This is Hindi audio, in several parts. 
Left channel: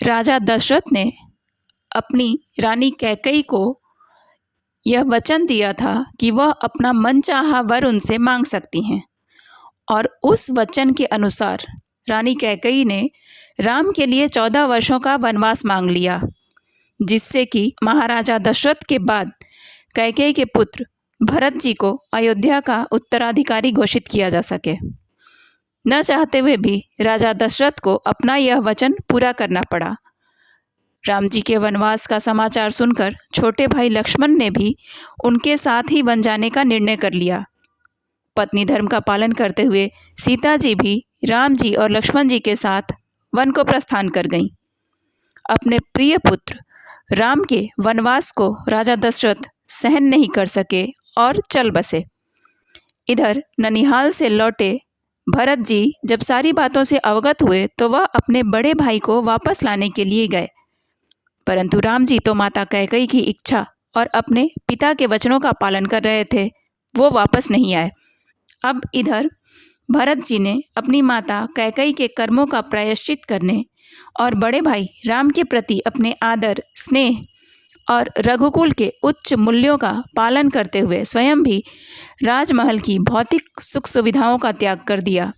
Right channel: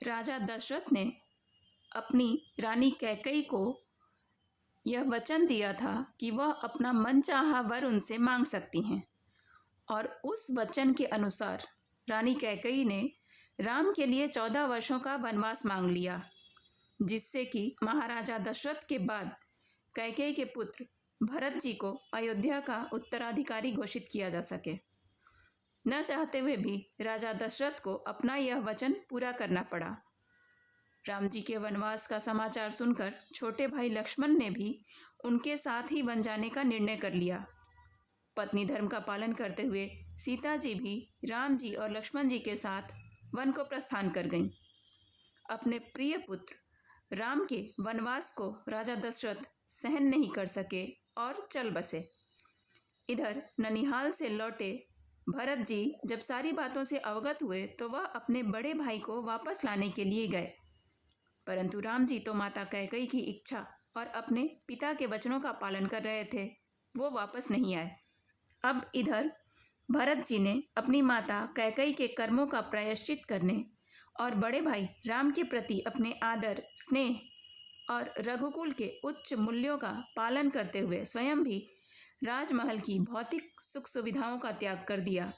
राजा दशरथ ने अपनी रानी कैकेयी को यह वचन दिया था कि वह अपना मनचाहा वर उनसे मांग सकती हैं, और उस वचन के अनुसार रानी कैकेयी ने राम के लिए 14 वर्षों का वनवास मांग लिया, जिससे कि महाराजा दशरथ के बाद कैकेयी के पुत्र भरत जी को अयोध्या का उत्तराधिकारी घोषित किया जा सके। न चाहते हुए भी राजा दशरथ को अपना यह वचन पूरा करना पड़ा। राम जी के वनवास का समाचार सुनकर छोटे भाई लक्ष्मण ने भी उनके साथ ही वन जाने का निर्णय कर लिया। पत्नी धर्म का पालन करते हुए सीता जी भी राम जी और लक्ष्मण जी के साथ वन को प्रस्थान कर गईं। अपने प्रिय पुत्र राम के वनवास को राजा दशरथ सहन नहीं कर सके और चल बसे। इधर ननिहाल से लौटे भरत जी जब सारी बातों से अवगत हुए तो वह अपने बड़े भाई को वापस लाने के लिए गए, परंतु राम जी तो माता कैकेयी की इच्छा और अपने पिता के वचनों का पालन कर रहे थे, वो वापस नहीं आए। अब इधर भरत जी ने अपनी माता कैकेयी के कर्मों का प्रायश्चित करने और बड़े भाई राम के प्रति अपने आदर, स्नेह और रघुकुल के उच्च मूल्यों का पालन करते हुए स्वयं भी राजमहल की भौतिक सुख सुविधाओं का त्याग कर दिया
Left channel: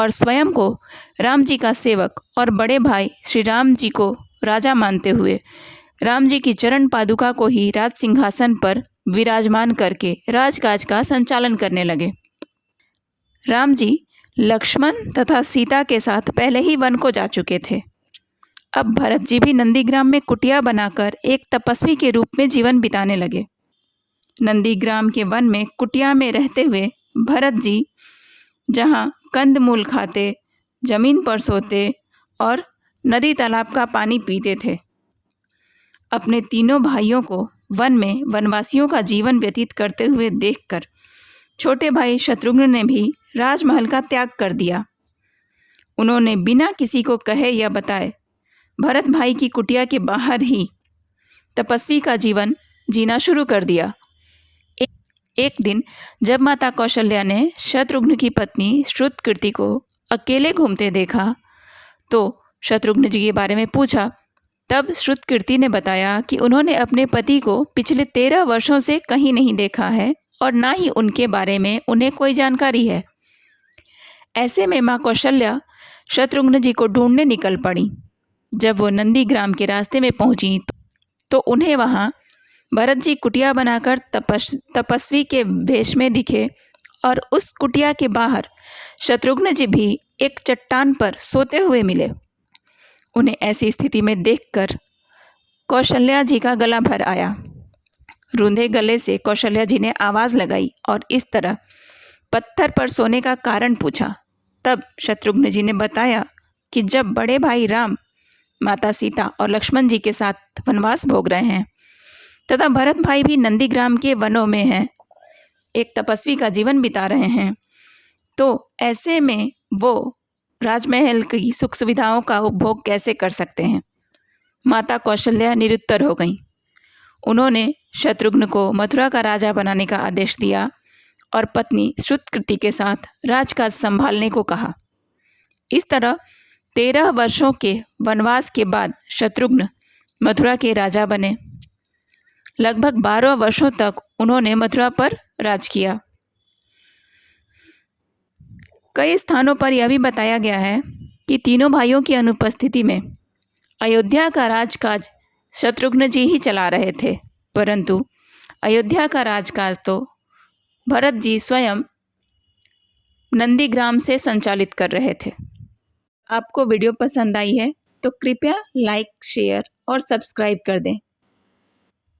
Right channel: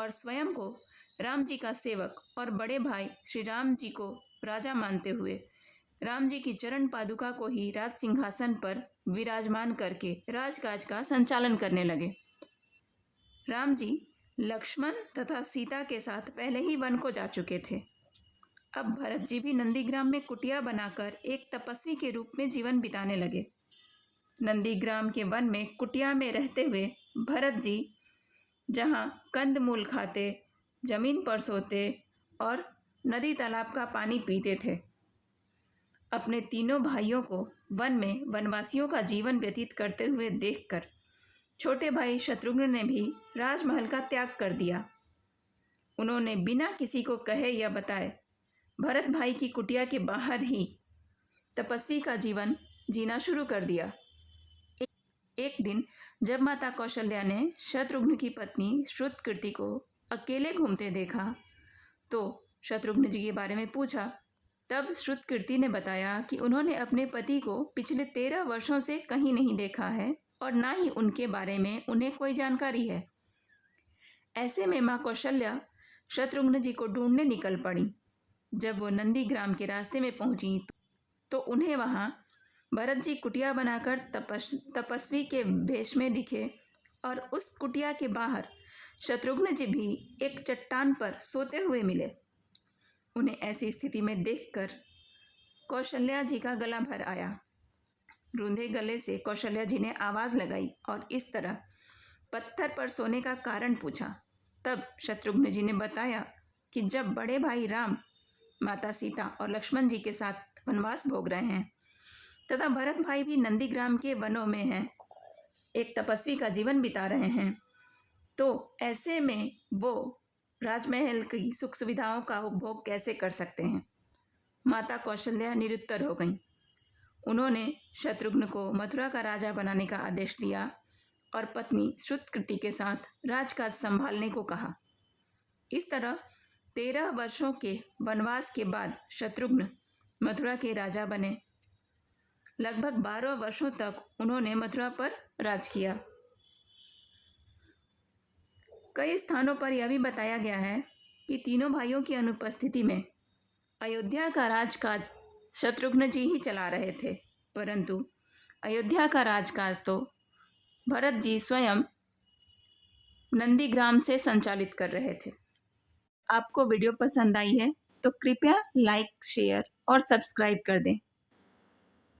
और स्वयं को राम जी का सेवक और बड़े भाई श्री राम जी को राजा मानते हुए राम जी की चरण पादुका को ही राज सिंहासन पर विराजमान करके राजकाज का संचालन करने लगे। राम जी लक्ष्मण तथा सीता के साथ पहले ही वन को जा चुके थे। अब भरत जी भी नंदीग्राम में कुटिया बनाकर एक तपस्वी के रूप में जीवन बिताने लगे। नंदीग्राम के वन में कुटिया में रहते हुए भरत जी जहाँ कंदमूल खाते, जमीन पर सोते और नदी तालाब का पानी पीते थे। अपने तीनों भाइयों को वन में वनवासियों का जीवन व्यतीत करते हुए देखकर छोटे भाई शत्रुघ्न ने भी राजमहल का त्याग कर दिया। उन्होंने बिना किसी को कहे या बताए भरत भाई की कुटिया के बाहर ही तपस्वी का जीवन जीना शुरू कर दिया। एक दिन जब माता कौशल्या ने शत्रुघ्न की पत्नी श्रुतकीर्ति को अकेले घूमते देखा तो शत्रुघ्न जी के बारे में पूछा। तब श्रुतकीर्ति ने बताया कि उन्होंने अपने पति को पिछले 13 वर्षों से कहीं नहीं देखा है और ना ही उनके बारे में उन्हें कोई जानकारी है। ऐसे में माँ कौशल्या शत्रुघ्न जी को ढूंढने निकल पड़ी। जब वो नंदीग्राम के रास्ते में पहुंची तो उन्हें वहाँ भरत जी कुटिया बनाकर तपस्वी के वेश में दिखे और उस कुटिया के बाहर शत्रुघ्न जी भी एक चट्टान पर सोते हुए मिले। उन्हें ऐसी स्थिति में देखकर कौशल्या जी का गला भर आया। रूंधे गले से कौशल्या जी ने आवाज़ लगाई और इस तरह पत्थर पर सोने का कारण पूछा। तब शत्रुघ्न जी ने बताया कि जब बड़े भाई राम माता सीता और लक्ष्मण जी के साथ वनवास भोग रहे हैं तथा भरत भाई भी नंदीग्राम के वनों में हैं, एक तपस्वी का जीवन बिता रहे हैं, तो ऐसे में वो राजमहल की सुख सुविधाओं का उपभोग कैसे कर सकते हैं। माता कौशल्या निरुत्तर हो गईं। उन्होंने शत्रुघ्न को मथुरा का राजा बनाने का आदेश दिया और पत्नी श्रुतकीर्ति के साथ राजकाज संभालने को कहा। इस तरह 13 वर्षों के वनवास के बाद शत्रुघ्न मथुरा के राजा बने। लगभग 12 वर्षों तक उन्होंने मथुरा पर राज किया। कई स्थानों पर यह भी बताया गया है कि तीनों भाइयों की अनुपस्थिति में अयोध्या का राजकाज शत्रुघ्न जी ही चला रहे थे, परंतु अयोध्या का राजकाज तो भरत जी स्वयं नंदीग्राम से संचालित कर रहे थे। आपको वीडियो पसंद आई है तो कृपया लाइक, शेयर और सब्सक्राइब कर दें।